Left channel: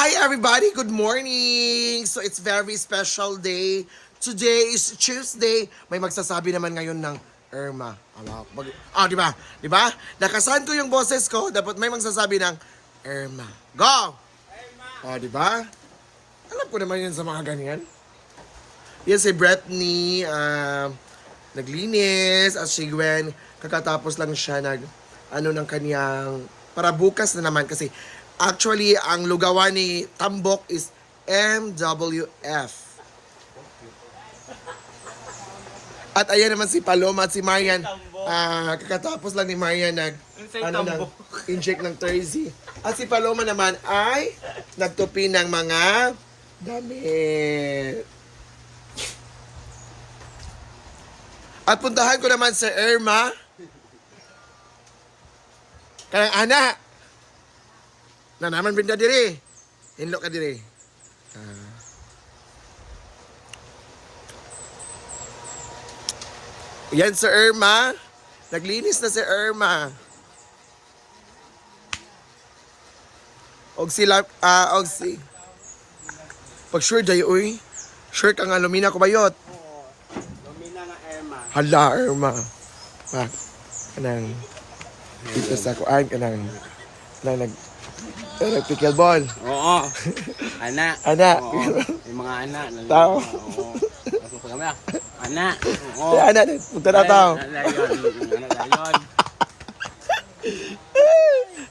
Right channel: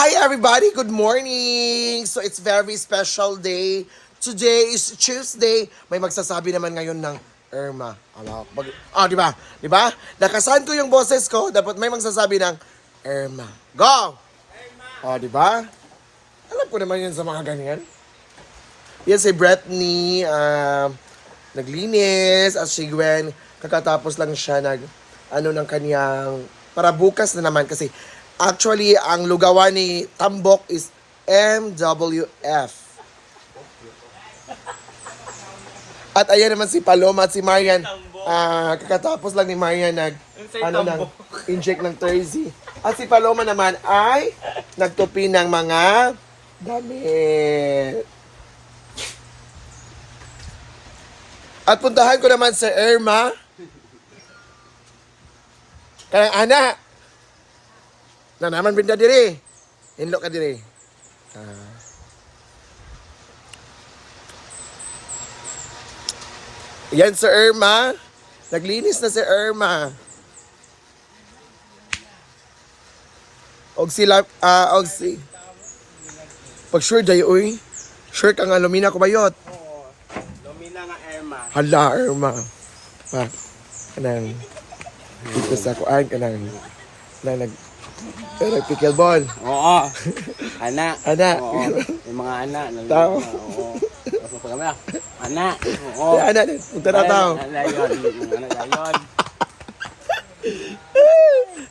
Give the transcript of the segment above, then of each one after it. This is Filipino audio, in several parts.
Hi everybody, good morning! So it's very special day. Today is Tuesday. May magsasabi naman ngayon ng Irma. Di ba? Di ba? Nakasahan ko yung boses ko, dapat may magsasabi ng Irma. Go! Di ba? Alam ko naman yun sa mga ganyan. Yan si Britney, naglinis, at si Gwen, kakatapos lang siya ng kanyang, para bukas na naman kasi actually, ang lugawan ni Tambok is MWF. At ayan naman si Paloma at si Marian. Kakatapos lang ni Marian inject ng Thursday. At si Paloma naman ay nagtupi ng mga damit. At puntahan ko naman si Irma. Kaya anak, na naman binda diri. Hinlo ka diri. Yan si Irma. Naglinis na si Irma. Og sila, pag sure day, uy. Sure ka nga, lumina ko bayot. Lumina nga Irma. Hala, Irma. Kanang, dito sa kuan, kanang pickleball. Oo. Anak. Anak. Oo. Yung mga anak. Tao. Oo. Tapos pag kami, anak. Oo. Ay, anak din. Punta na tao. Anak yun. Anak yun.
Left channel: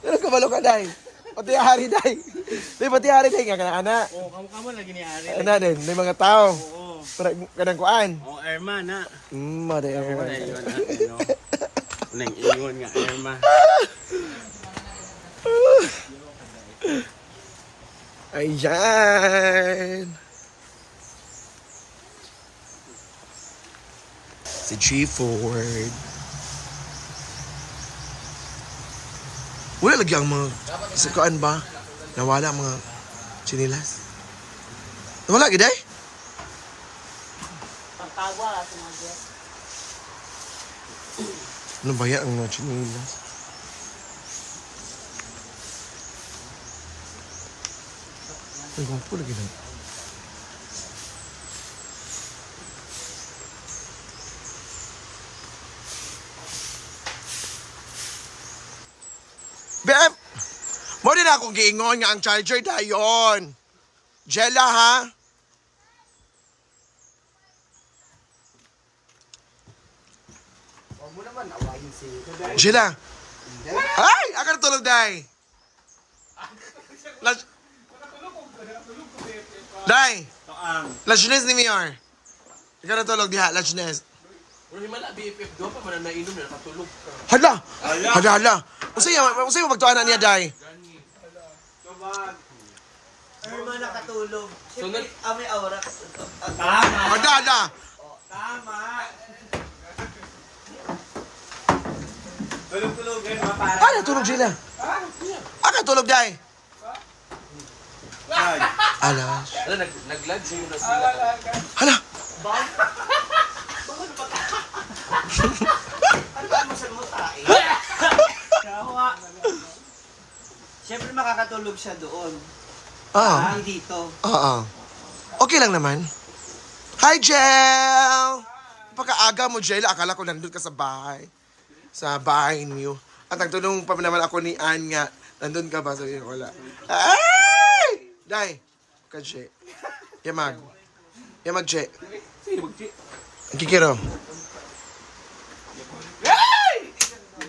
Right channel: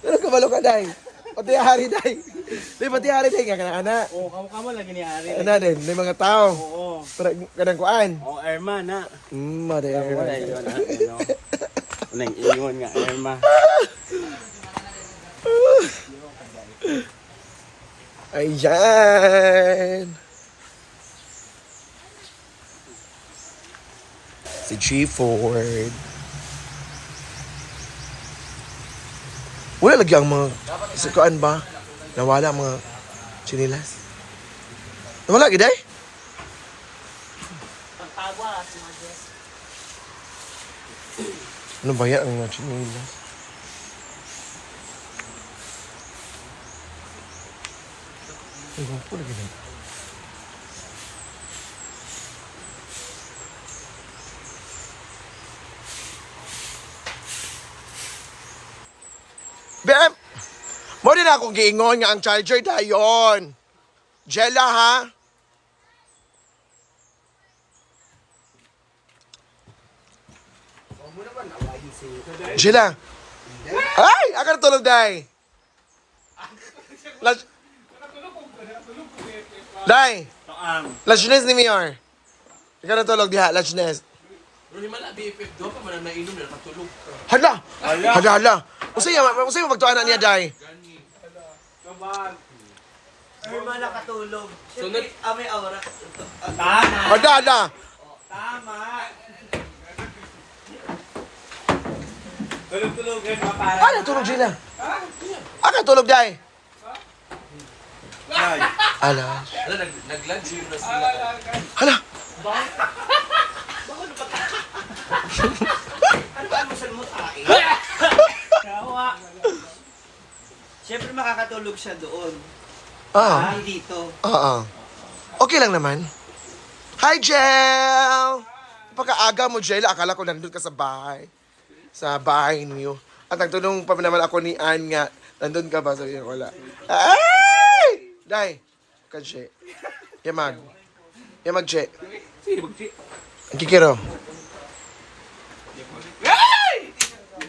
Ano kabalo ka, day? Pati hari, day. Pati hari, day. Nga anak. Oo, kamu lagi ni Ari. Anak din. May mga tao. Oo. Para kanang kuan. Oo, Irma, na. Mare. Wala yun, ano. Unang ingon nga, Irma. Ayan. Si G Ford. Wala lagi ang mga sikuan ba? Nawala ang mga sinilas. Nawala gid ay? Ano ba yan ang mga sinilas? Ay, gwapo lagi lang. Bem! Mo din akong giingon nga ang charger dayon. Jella, ha? Jella! Ay! Aka na tulog, day! Day! Lachnes ni Mayor. Ika na tulog diha, Lachnes. Hala! Hala! Usay mo magtuanan niya, day. Irma nakatulog. Siyempre, may aura. Tama. Hala! Tama. Tulog-tulogan, mapara. Ano tulog sila? Ano tulog, day? Ala. Nag-lunch na sila. Hala! Ano ba mo siya mo tayo? Kawa. Siyempre makakatulog siya doon. Dito. Okay lang naman. Hi, Jel! Pagkaaga mo, Jel, akala ko nandun ka sa bahay. Sa bahay niyo. At nagtunong pa naman ako ni Ann nga, nandun ka ba? Sabi niya, wala. Ay! Day! Kadje. Yamag. Yamag, Je. Ang kikiro.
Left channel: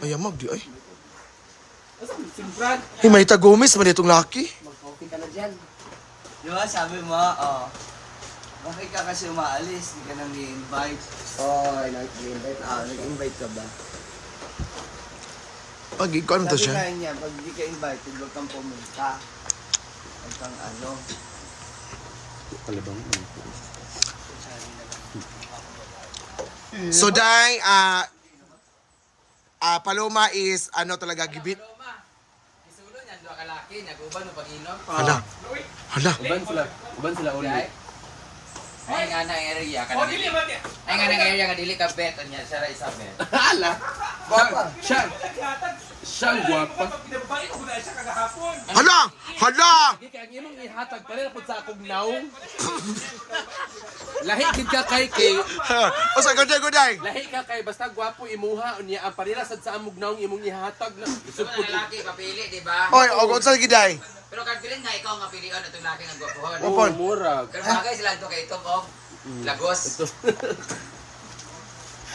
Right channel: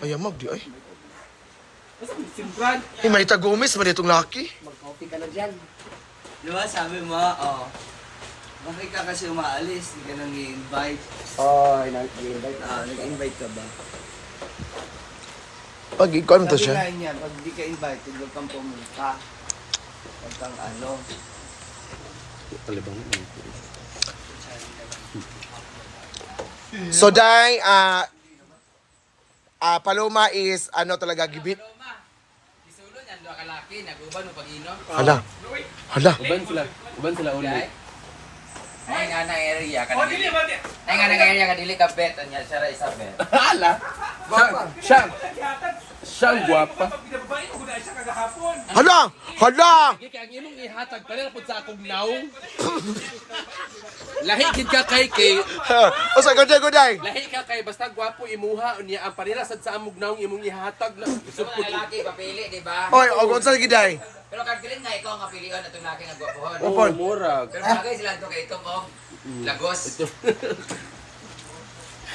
Ay, yamag, di ay. Ay, Marita Gomez, mali itong laki. Mag-coffee ka na dyan. Di ba, sabi mo, bakit ka kasi umaalis? Hindi ka nang i-invite. Nag-invite. Nag-invite ka ba? Pag ikaw, ano to siya? Sabi niya, pag di ka invited, huwag kang pumunta. Huwag kang ano. So, Day, Paloma is, ano talaga, gibit. Isunod yan, doon kalaki, nag-uban o pag-inom. Hala. Hala. Uban sila ulit. Ay nga na area ka na dili. Ay nga na area ka dili ka bet, anya siya ra isa bet. Hala. Siya. Siya ang gwapa. Hala! Hala! Sige, kaya ang imong ihatag pa rin sa akong naong. Lahi gid ka kay O sa guday. lahi ka kay basta gwapo imuha unya ang parira sad sa amog naong imong ihatag na isupod. Lalaki, papili, di ba? Oy, og sa giday. Pero kag pilin nga, ikaw nga pilihan itong laki ng gwapuhon. Opon. Murag. Pero bagay sila ito kay itong lagos.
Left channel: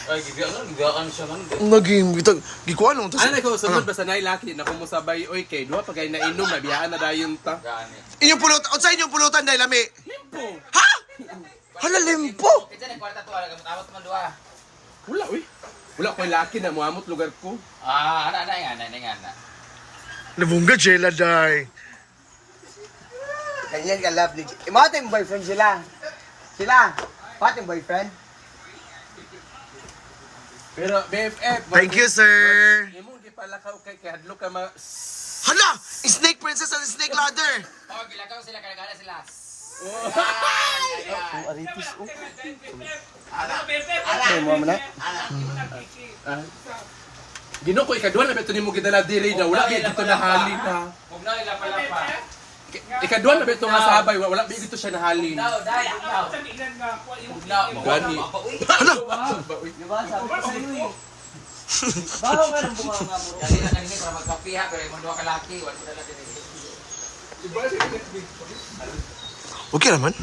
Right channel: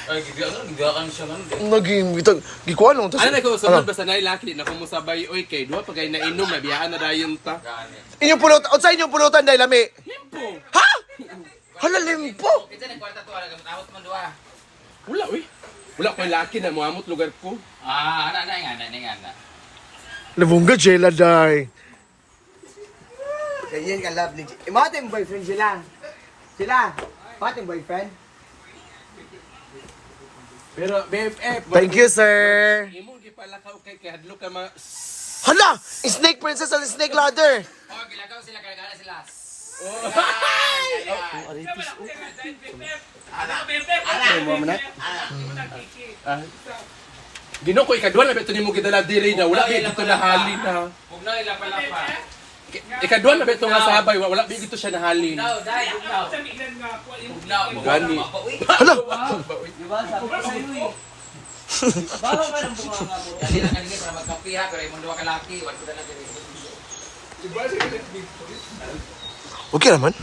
Ay, gigaan siya man. Naging ito gikuan nung Ano na ko sunod basta nay laki na kung musabay oy kay duha pagay na inom mabiyaan na dayon ta. Inyong pulutan, o sa inyong pulutan dahil lami. Limpo. Ha? Hala limpo. Kita ng kwarta to, gamot man duha. Wala uy. Wala ko laki na muamot lugar ko. Ana nga. Nabungga jela day. Ganyan ka love ni J. Mga yung boyfriend sila. Sila. Mga yung boyfriend. Pero BFF. Thank you, sir. Imong gipalakaw kay hadlo ka ma Hala! Snake princess and snake ladder. Oh, gilagaw sila, kalagana sila. Gino ko ikadwa na beto nimo gidala diri na wala bi dito nahali na. Bugnaw ila pala pa. Ikadwa na beto nga sabay wala bi dito siya nahali. Bugnaw, dai, bugnaw. Bugnaw. Hala! Diba? Sabi ko sa'yo eh. Bawa ka ng bunga nga mo. Dali na kanina para magkapiha, pero yung duha ka laki, wala ko na lang diri. Okay naman.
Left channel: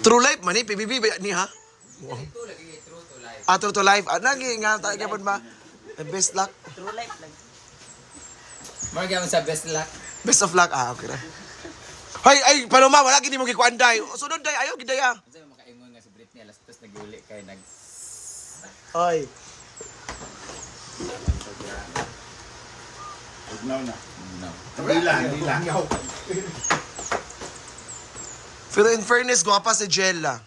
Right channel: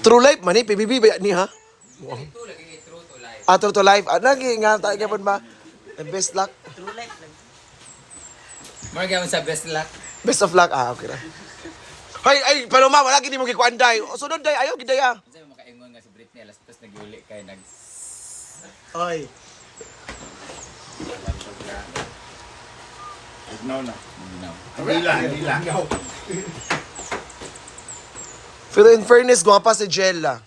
True life man eh, PBB ba ni ha? Ito lagi true to life. True to life. Lagi nga tayo kapon ba? Best luck. Mga gamit sa best luck. Best of luck. Okay na. Ay, Paloma, wala gini mo gikuan day. Sunod day, ayaw giday ah. Kasi makaingon nga si Britney, alas tapos nag-uli kay nag... Oy. Ignaw na. Bugnaw. Hindi lang. Pero in fairness, guwapa si Jella.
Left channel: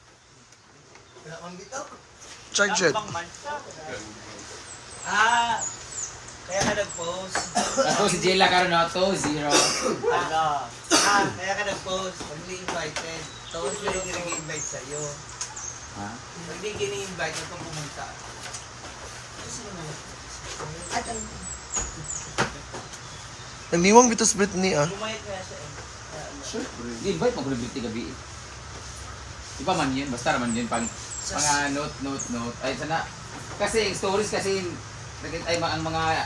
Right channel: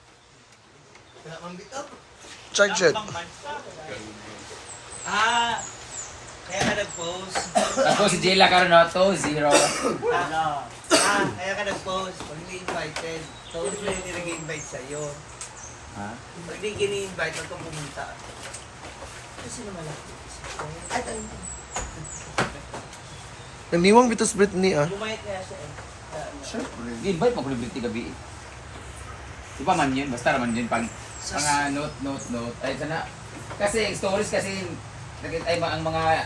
Charge it. Kaya ka nag-post. Ako si Jayla karon no, 2-0. Kaya ka nag-post. Pag hindi invited. So, hindi hindi nag-invite sa'yo. Pag hindi gini-invite, huwag kang pumunta. Kasi naman ako. Naniwang bitos Britney ah. Bumayat kaya siya eh. Invite mo kulit gabi. Iba man yun, basta naman yun pang mga note. Ay sana kasi yung stories kasi ay ang mga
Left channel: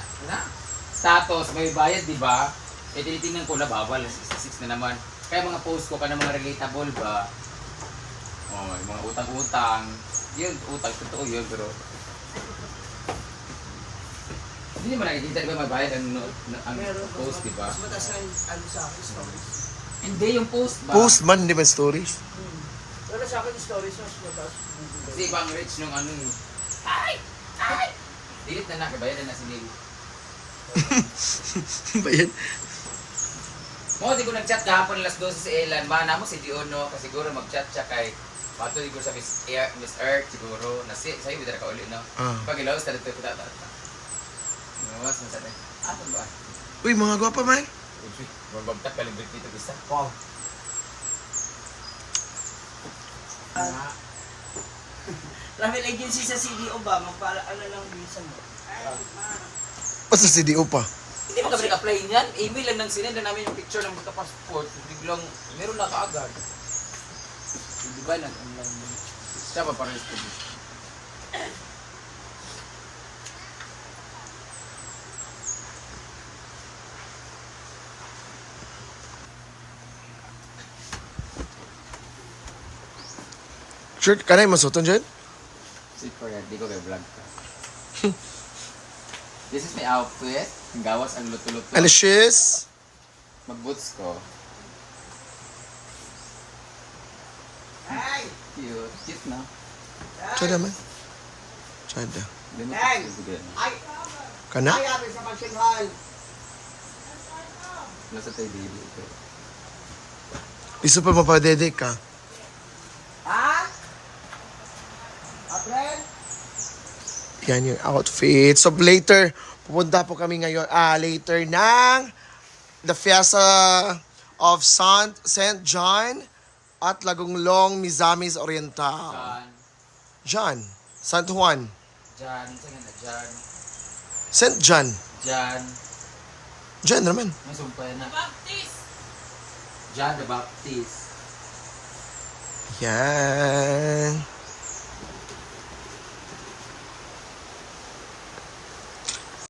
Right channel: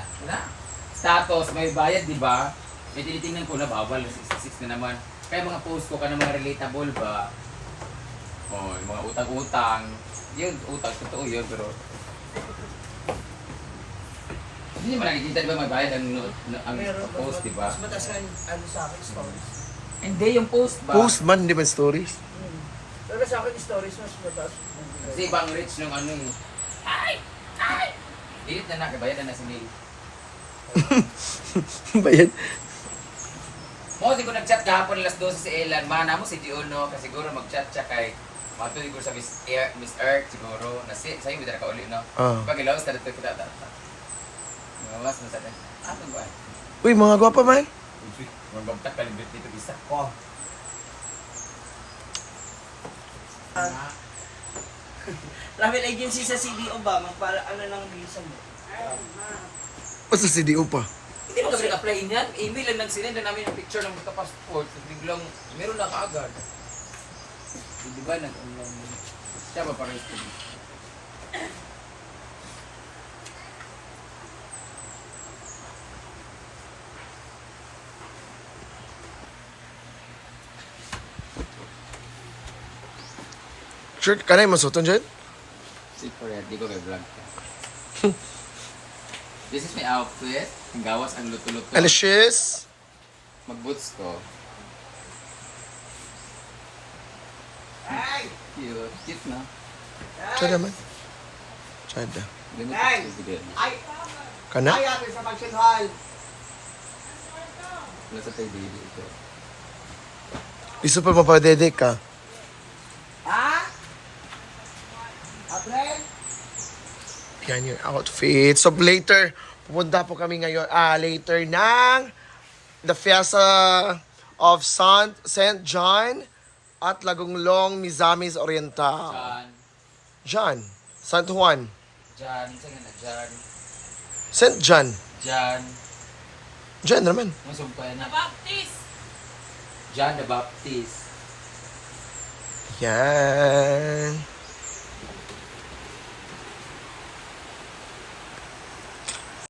status may bayad, di ba? Eh tinitingnan ko na bawal 66 na naman. Kaya mga post ko kana mga relatable ba? Oh, yung mga utang-utang. Yun, utang totoo yun pero hindi naman nakikita, di ba may bayad ang post, di ba? Mas mataas ka ano sa akin, stories. Hindi, yung post ba? Post man, di ba stories? Pero sa akin, stories mas mataas. Kasi ibang rich nung ano eh. Ay! Dilit na nakabayadan na si Neil. Bayan. Mo, di ko nag-chat kahapon alas 12 si Elan. Mana mo si Diono kasi siguro mag-chat siya kay matuloy ko sa Miss Earth siguro. Sa'yo, bida na ka uli, no? Pag ilawas na dito, kita. Ngawas na sa atin. Asan ba? Uy, mga guwapa man. Magbagtak ka lang dito isa. Wow. Travel agency sa CDO ba? Magpala ano lang visa mo? O sa CDO pa. Hindi mo kami apply niyan. Email lang nang sinend na namin yung picture ng basta passport. Biglang, meron na kaagad. Di ba nag-online? Siya ba parehas ko? Shirt, kanay masuton dyan? Secret, di ko kay vlog ka. This is my outfit. Ang gawas ang luto-luto. Alicious. Mag-boots ko. Cute. Cute na. Sada man. Sada. Hindi mo Hey! sige. Kana? Ay, sa function hall. Nasa tayo dito ito. Iso pa mapadedek ka. Ha? April? Yan yung outfit. So later, pupunta po kami ngayon, later ng the Fiesta of St. John at Lagonglong, Mizamis Oriental. John. John. San Juan. John. Saan nga na? John. St. John. John. John naman. Ang sumpay na. John the Baptist. Yan.